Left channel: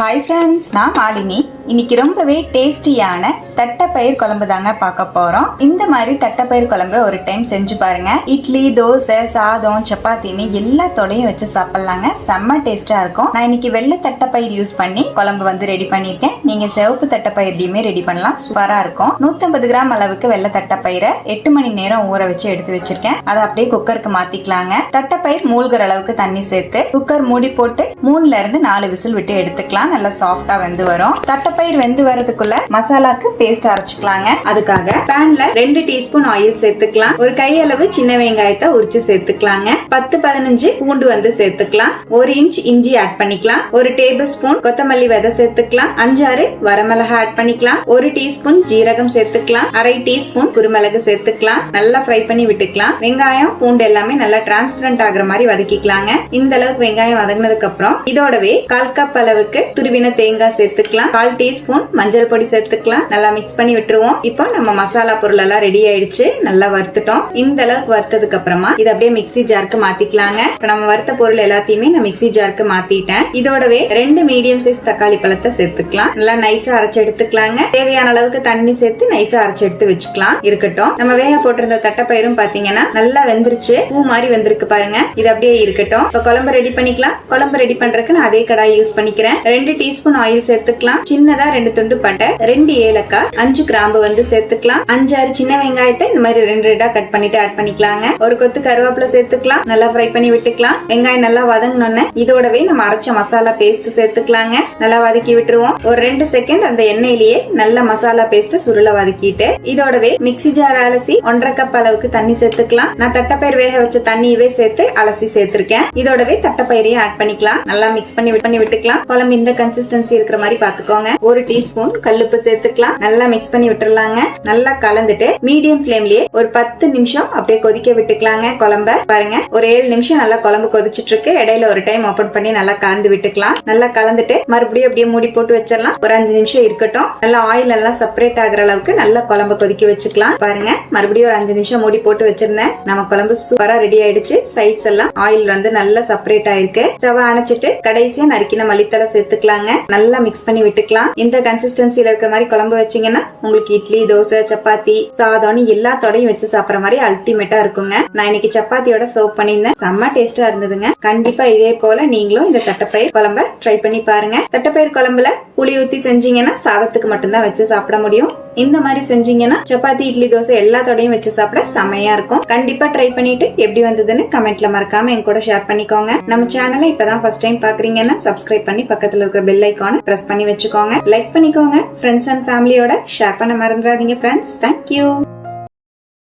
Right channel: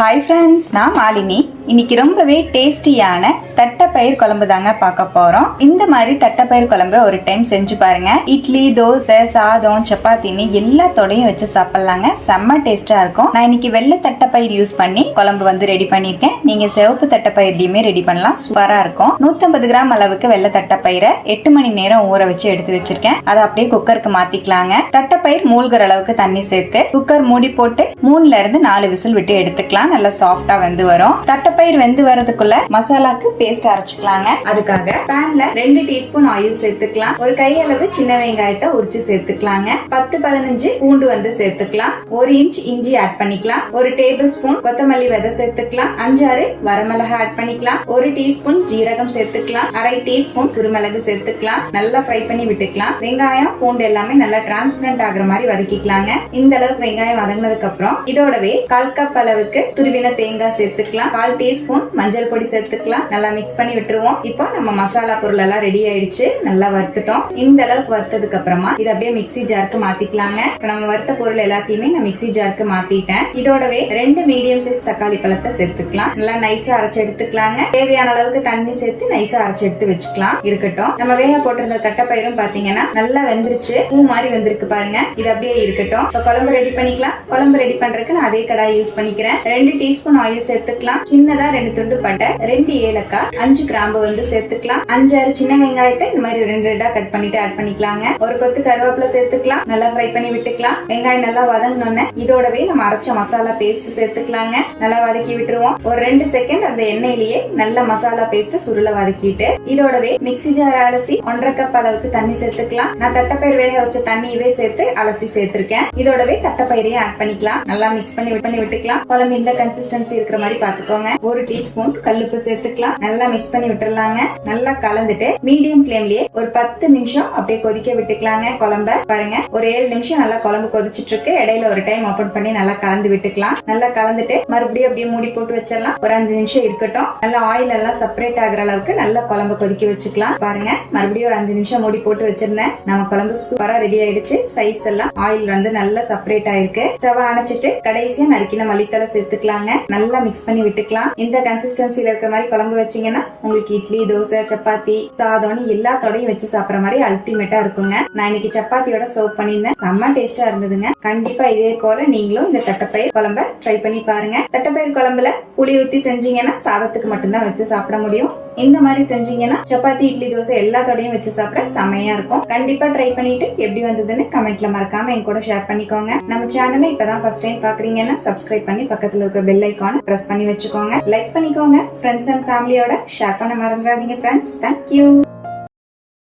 Hi friends, நான் மாலினி. இன்னைக்கு ரொம்பவே டேஸ்டியான தட்டைப்பயிர் குழம்பு தாங்க பார்க்க போறோம். இந்த மாதிரி தட்டைப்பயிர் குழம்பு ஒரு டைம் செஞ்சு பாருங்க. இட்லி, தோசை, சாதம், சப்பாத்தின்னு எல்லாத்தோடையும் வச்சு சாப்பிடலாங்க. செம்ம டேஸ்டா இருக்கும். நான் இன்னைக்கு வெள்ளை தட்டைப்பயிர் யூஸ் பண்ணி குழம்பு ரெடி பண்ணிருக்கேன். நீங்க சிவப்பு தட்டைப்பயிர்லயுமே ரெடி பண்ணலாம். சூப்பரா இருக்கும். 150 கிராம் அளவுக்கு வெள்ளை தட்டைப்பயிரை 8 மணி நேரம் ஊற வச்சு எடுத்து வச்சிருக்கேன். அதை அப்படியே குக்கருக்கு மாத்திக்கலாங்க. தட்டைப்பயிர் மூழ்கிற அளவுக்கு தண்ணி சேர்த்து குக்கர் மூடி போட்டு 3ல இருந்து 4 விசில் விட்டு எடுத்துக்கலாம். நல்லா சாஃப்டா வெந்து வரும். தட்டைப்பயிர் வெந்து வரதுக்குள்ள மசாலாக்கு பேஸ்ட் அரைச்சுக்கலாங்க. அதுக்காக பேன்ல 2 டீஸ்பூன் ஆயில் சேர்த்துக்கலாம். ஒரு கையளவு சின்ன வெங்காயத்தை உரிச்சு சேர்த்துக்கலாங்க. 10-15 பூண்டு சேர்த்துக்கலாம். 1 இன்ச் இஞ்சி ஆட் பண்ணிக்கலாம். 1 டேபிள் ஸ்பூன் கொத்தமல்லி விதை சேர்த்துக்கலாம். 5-6 வரமிளகா ஆட் பண்ணிக்கலாம். 1 டீஸ்பூன் ஜீரகம் சேர்த்துக்கலாம். 1/2 டீஸ்பூன் குருமிளகு சேர்த்துக்கலாம். நல்லா ஃப்ரை பண்ணி விட்டுக்கலாம். வெங்காயம் பூண்டு எல்லாமே நல்லா டிரான்ஸ்பரண்ட் ஆகுற மாதிரி வதக்கிக்கலாங்க. இந்த அளவுக்கு வெங்காயம் வதங்கினதுக்கு அப்புறம் இதோடவே 1/4 கப் அளவுக்கு துருவின தேங்காய் சேர்த்துக்கலாம். 1/4 டீஸ்பூன் மஞ்சள் பொடி சேர்த்துக்கலாம். நல்லா மிக்ஸ் பண்ணி விட்டுருவோம். இப்போ நம்ம மசாலா பொருள் எல்லாம் ரெடி ஆயிடுச்சு. நல்லா வறுத்துட்டோம். இந்த அளவுக்கு வறுத்ததுக்கு அப்புறமா இதை அப்படியே மிக்ஸி ஜாருக்கு மாத்திக்கலாங்க. இப்ப நம்ம வறுத்த பொருள் எல்லாத்தையுமே நான் மிக்ஸி ஜாருக்கு மாத்திட்டேன். இதோடவே 2 மீடியம் சைஸ் தக்காளி பழத்தை சேர்த்துக்கலாம். நல்லா நைஸா அரைச்சு எடுத்துக்கலாங்க. தேவையான அளவுக்கு தண்ணி சேர்த்து நைஸா அரைச்சு எடுத்து வச்சுக்கலாம். இருக்கட்டும். நம்ம வேக போட்டிருந்த தட்டைப்பயிரும் பாத்தீங்கன்னா நல்லா வெந்துருச்சு. பூ மாதிரி வெந்திருக்கு பாருங்க. இது அப்படியே இருக்கட்டும். இப்ப குழம்பு ரெடி பண்ணிக்கலாம். குழம்பு ரெடி பண்றதுக்கு நான் அதே கடாய் யூஸ் பண்ணிக்கிறேன். 2 டீஸ்பூன் ஆயில் சேர்த்துக்கலாம். சின்னதா 2 துண்டு பட்டை, 2 ஏலக்காய், 5 கிராம்பு சேர்த்துக்கலாம். 5-6 சின்ன வெங்காயத்தை இந்த மாதிரி 2 கட் பண்ணிட்டு ஆட் பண்ணிக்கலாங்க. ஒரு கொத்து கருவேப்பிலை சேர்த்துக்கலாம். நல்லா ஃப்ரை பண்ணி விட்டுக்கலாம். வெங்காயம் நல்லா வதங்கினோன்னு இதோடவே நம்ம அரைச்ச மசாலா பேஸ்ட் சேர்த்துக்கலாங்க. நல்லா வதக்கி விட்டுருவோம். ஒரு 2 செகண்ட் அந்த எண்ணெயிலேயே நல்ல மசாலா பேஸ்ட் சுருள வதக்கிட்டு இதோடவே மிக்ஸி ஜார் அலசி 1/2 கப் அளவுக்கு தண்ணி சேர்த்துக்கலாம். நான் தட்டைப்பயிர் வேக வச்ச தண்ணியவே சேர்த்து அலசி சேர்த்திருக்கேன். இதோடவே தட்டைப்பயிரையும் ஆட் பண்ணிக்கலாம். நல்லா மிக்ஸ் பண்ணி விட்டுக்கலாம். குழம்பு இந்த கன்சிஸ்டன்சி இருக்கிற மாதிரி பாத்துக்கோங்க. 1 டீஸ்பூன் கல்லுப்பு சேர்த்துக்கலாம். நல்லா மிக்ஸ் பண்ணி விட்டுறலாங்க. நல்லா கலந்துட்டு மீடியம் ஃபிளேம்லயே ஒரு 10 நிமிஷம் அப்படியே கொதிக்க விட்டுக்கலாங்க. குழம்ப பாருங்க, ஒரு 7 நிமிஷம் நல்லா குழம்பு கொதிச்சிட்டு இருக்கு. இடையில ஒரு டைம் ஓபன் பண்ணி நல்லா கலந்து விட்டுக்கலாம். நல்லா கலந்துட்டு மறுபடியும் அப்படியே மூடி போட்டு வச்சிடலாம். ஒரு 5 நிமிஷம் இருக்கட்டும். நல்லா ஆயில் எல்லாம் செப்பரேட் ஆகுற அளவுக்கு நல்லா குழம்பு கொதிக்க வச்சுக்கலாம். பாருங்க, மறுபடியும் ஒரு 5 நிமிஷம் மூடி போட்டு வச்சிருந்தேன். நம்ம குழம்பு சூப்பரா ரெடி ஆயிடுச்சு. சைட்ஸ் எல்லாம் ஆயில் நல்லா செப்பரேட் ஆயிருக்கு. ஸ்டவ் அணைச்சிட்டு கடைசியா நறுக்கின மல்லித்தலை சேர்த்துக்கலாங்க. நல்லா மிக்ஸ் பண்ணி விட்டுக்கலாம். இந்த கன்சிஸ்டன்சில இருக்க மாதிரி குழம்பு வச்சீங்கன்னா உங்களுக்கு இட்லி, தோசை, சப்பாத்தி, சாதம்னு எல்லாத்தோடையும் வச்சு சாப்பிடுற மாதிரி அல்டிமேட்டா இருக்குங்க. நான் இன்னைக்கு சப்பாத்தியோட சர்வ் பண்ணியிருந்தேன். செம்ம டேஸ்டா இருந்ததுங்க. கண்டிப்பா இதே போல நீங்களும் இந்த தட்டைப்பயிர் குழம்ப ட்ரை பண்ணி பாருங்க. தட்டைப்பயிர் குழம்புல புளி ஊத்தி செஞ்சீங்கன்னா சாதத்துக்கு மட்டும்தான் வச்சு சாப்பிட முடியும். இந்த மாதிரி செஞ்சீங்கன்னா சப்பாத்தி, இட்லி, தோசை எல்லாத்தோடையும் வச்சு சாப்பிட செமையா இருக்கும். கண்டிப்பா ட்ரை பண்ணிட்டு எப்படி வந்ததுன்னு கமெண்ட்ல மறக்காம என் கூட ஷேர் பண்ணிக்கோங்க. நம்ம சேனலை இப்பதான் ஃபர்ஸ்ட் டைம் பாக்குறீங்கன்னா சப்ஸ்கிரைப் பண்ணி பக்கத்துல இருக்க பெல் ஐகானை பிரஸ் பண்ணி வச்சுக்கோங்க. லைக் பண்ணிக்கோங்க. ஃப்ரெண்ட்ஸ் அண்ட் ஃபேமிலியோட ஷேர் பண்ண மறந்துடாதீங்க ஃப்ரெண்ட்ஸ். தேங்க்யூ.